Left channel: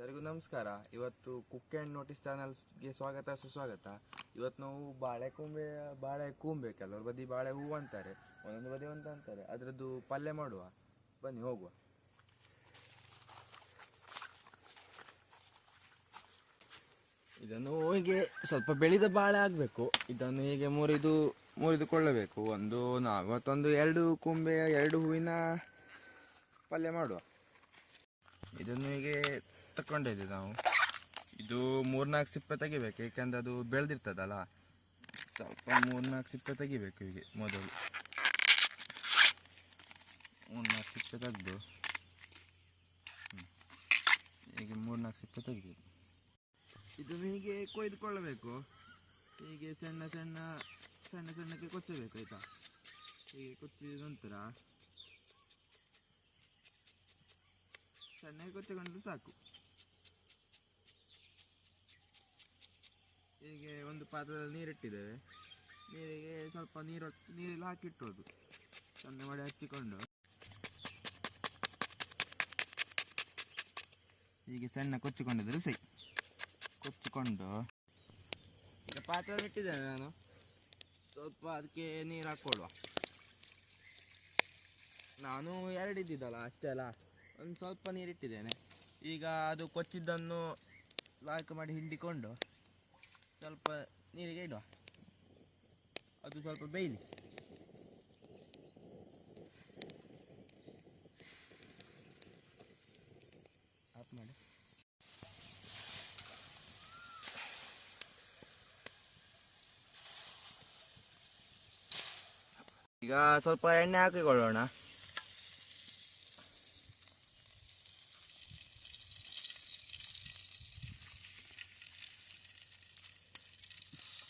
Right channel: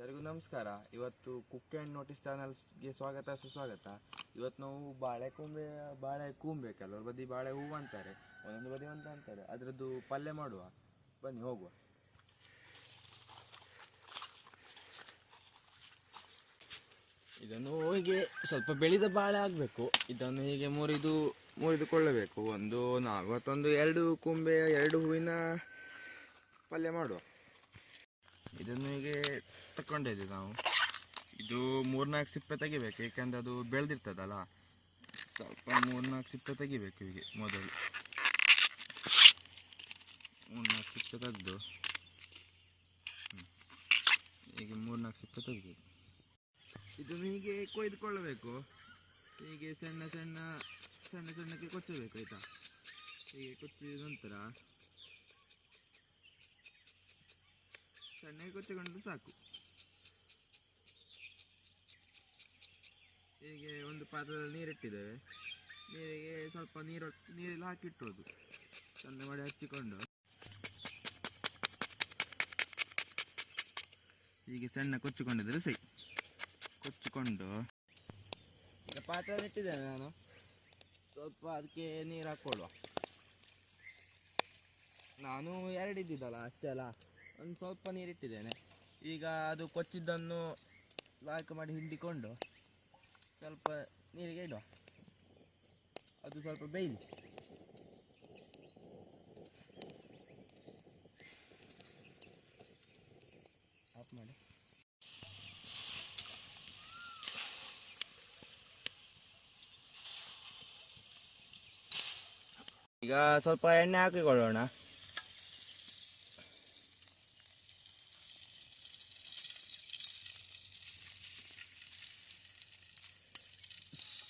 ಎಲ್ಲರಿಗೂ ನಮಸ್ಕಾರ. ಇವತ್ತು ಕುಕ್ ಆ್ಯಂಡ್ ನೋಟಿಸ್ ಚಾನಲ್ಗೆ ಸ್ವಾಗತ ಸುಸ್ವಾಗತ. ಇವತ್ತು ನಾವು ಬಾಳೆ ಕೂಂಬೆ ಕೆಲವರು ಬದಿ ಬಾಳೆ ಹೂವು ಅಂತಾರೆ, ಒಂದೊಂದು ಬದಿ ಅಂತ ಅಂತಾರೆ. ಅದರದ್ದು ಪಲ್ಯ ಮಾಡುವ, ಬನ್ನಿ ಹೋಗುವ. ಇದನ್ನು ಹೀಗೆ ಸ್ವಲ್ಪ ಬೆಳೆದ ಬಾಳೆ ಆಗಬೇಕು. ಇದನ್ನು ಹೀಗೆ ಮುರಿದುಕೊಳ್ಳಬೇಕು. ಇವತ್ತೊಂದು 2 ಕೂಂಬೆಯ 2 ಹೂವಿನ ಪಲ್ಯ ಮಾಡುವ. ಇದನ್ನು ಹೀಗೆ ತಗೊಂಡಿದ್ದೆ ನಾವು. ಇದು 3-4 ಸಿಪ್ಪೆ ತೆಗಿಬೇಕು, ಏಕೆಂದರೆ ಅದು ಬೆಳೆದಿರ್ತದಲ್ಲ. ಸ್ವಲ್ಪ 3-4 ಸಿಪ್ಪೆ ತೆಗಿಬೇಕು. ಹೀಗೆ ಮೊದಲು 3-4 ಸಿಪ್ಪೆ ತೆಗೆದು ಹೀಗೆ 3-4 ಸಿಪ್ಪೆ ತೆಗಿಬೇಕು. ಇದನ್ನು ಹೀಗೆ ಕೊಯ್ದುಕೊಳ್ಳಬೇಕು. ಹೀಗೆ ಸಣ್ಣ ಸಣ್ಣಕ್ಕೆ ಕೊಚ್ಚಬೇಕು, ಆಯಿತಾ? ಹೀಗೆ ಕೊಚ್ಚಿದ ನಂತರ ಸಣ್ಣಗೆ ಕೊಚ್ಚಿಕೊಂಡ್ರೆ ಸಾಕು. ಹೀಗೆ ಒಂದು ಪಾತ್ರದಲ್ಲಿ ನೀರಿಟ್ಟಿದ್ದೇವೆ. ನೀರಿಗೆ ಸ್ವಲ್ಪ ನೀರಲ್ಲಿ ಹಾಕಿಟ್ಟೋದು, ಚಂದ ಮಾಡಿ ಹಚ್ಚಿಕೊಂಡು ಹೀಗೆ ಸಣ್ಣ ಕೊಚ್ಚಿಕೊಂಡಿದ್ರೆ ಸರಿ. ಕೊಚ್ಚಿಕೊಂಡು ಈಗ ಪಾತ್ರದಲ್ಲಿ ಇಟ್ಟಿದ್ದೇನೆ ನಾನು. ಸ್ವಲ್ಪ ಅದಕ್ಕೆ ನೀರು ಹಾಕ್ಕೊಳ್ಳುವ. ನಾನು 2 ಇದ್ದಿದ್ದಲ್ಲ, ಅಷ್ಟೇ ಅಲ್ಲ, ಒಂದು ಸ್ವಲ್ಪ ನೀರಿಟ್ಟಿದ್ದೇನೆ. ಈಗ ಅದು ಕೊಚ್ಚಿದ್ದನ್ನು ಲಾಯ್ಕ್ ಮಾಡಿ ಹಿಂಡಿಕೊಂಡು ಸ್ವಲ್ಪ ನೀರಿಗೆ ಇಡುವ. ಅದು ಸ್ವಲ್ಪ ಬೇಯಲಿ. ಆಫ್ ಮಾಡಿ. ಈಗ ಸ್ವಲ್ಪ ಎಣ್ಣೆ ಹಾಕಿಕೊಳ್ಳೋಣ.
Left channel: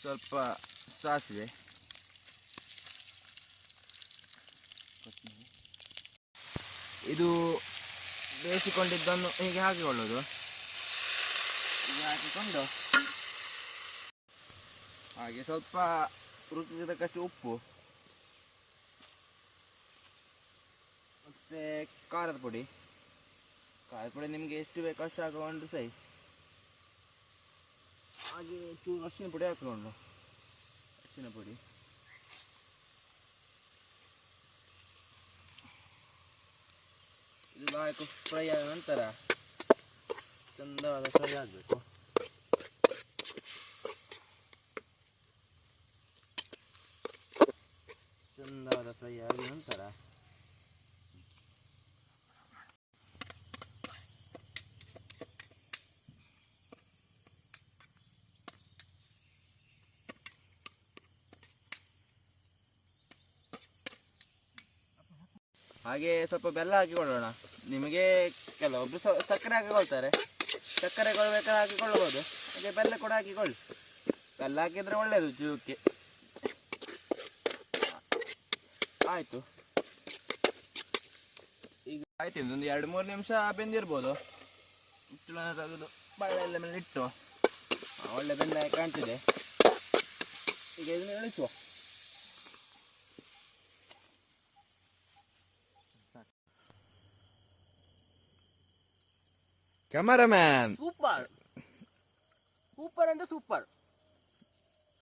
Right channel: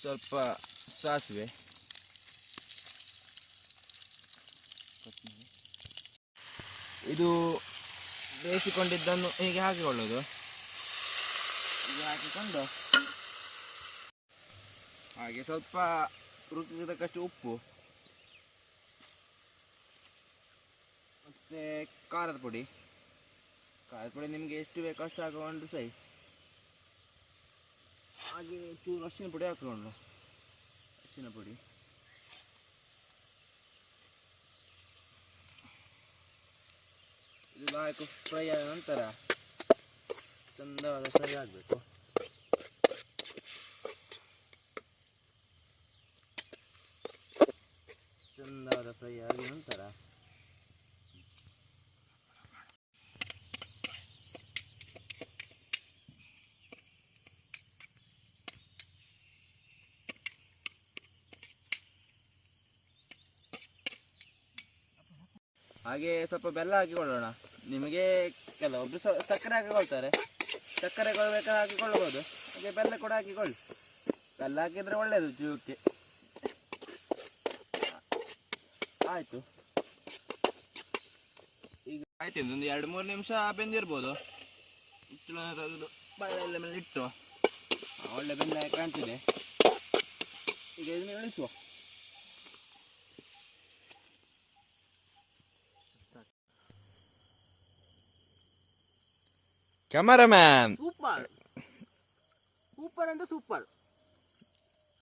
ಸ್ವಲ್ಪ ಸಾಸಿವೆ, ಇದು ಬೇಯಿಸಿಕೊಂಡಿದ್ದನ್ನು ಹೀಗೆ ಹಾಕಿಕೊಳ್ಳೋದು. ಹೀಗೆ ಹಾಕಿಕೊಂಡು ಹಾಗೆ ಸ್ವಲ್ಪ ರುಚಿಗೆ ತಕ್ಕಷ್ಟು ಉಪ್ಪು ಮತ್ತು ಖಾರದ ಪುಡಿ ನಿಮಗೆ ಎಷ್ಟು ಬೇಕು ಅಷ್ಟು ಹಾಕಿಕೊಂಡು ಸೈ. ಹಾಗೆ ಚೂರು ಅರಿಶಿನ ಪುಡಿ ಹಾಕಿಕೊಂಡು, ಅರಿಶಿನ ಪುಡಿ ಇದು ಹಾಕಿ ಫ್ರೈ ಆದ ನಂತರ ಚಂದವಾದ ಫ್ರೈ ಆಗಬೇಕು. ಚಂದವಾದ ಫ್ರೈ ಆದ ನಂತರ ಹಾಗೆ ಸ್ವಲ್ಪ ಬೆಲ್ಲ ಹಾಕಿಕೊಳ್ಳೋಣ. ನಿಮಗೆ ಕೆಲವೊಬ್ಬರು ಸಕ್ಕರೆ ಹಾಕಿಕೊಳ್ತಾರೆ, ಸಕ್ಕರೆ ಬೇಕಾದ್ರೆ ಹಾಕಿಕೊಳ್ಳಬಹುದು. ಹಾಗೆ ಬೆಲ್ಲ ಕೂಡ ಹಾಕಿಕೊಳ್ಳಿ. ಬೆಲ್ಲ ಹಾಕಿದರೆ ಒಳ್ಳೆಯದು ಜೀವಕ್ಕೆ. ಆಯಿತು, ಈಗ ಆಯ್ತು. ಇನ್ನೊಂದು 2-3 ನಿಮಿಷ ಬೆಂದಿರ್ಬೋದು. ಮುಚ್ಚಳ ತೆಗೆದು ಬಾಳೆಲ್ಲ ಮೇಲೆ ಇಟ್ಟು ಒಳ್ಳೆ ಬೆಲ್ಲ ಕಾಣ್ತಿದೆ. ಈಗ ಇದನ್ನು ಇಳಿಸುವ. ಕ್ಯಾಮರಾಮ್ಯಾನ್, ಸೂಪರ್ ಅಂದ್ರೆ ಸೂಪರ್.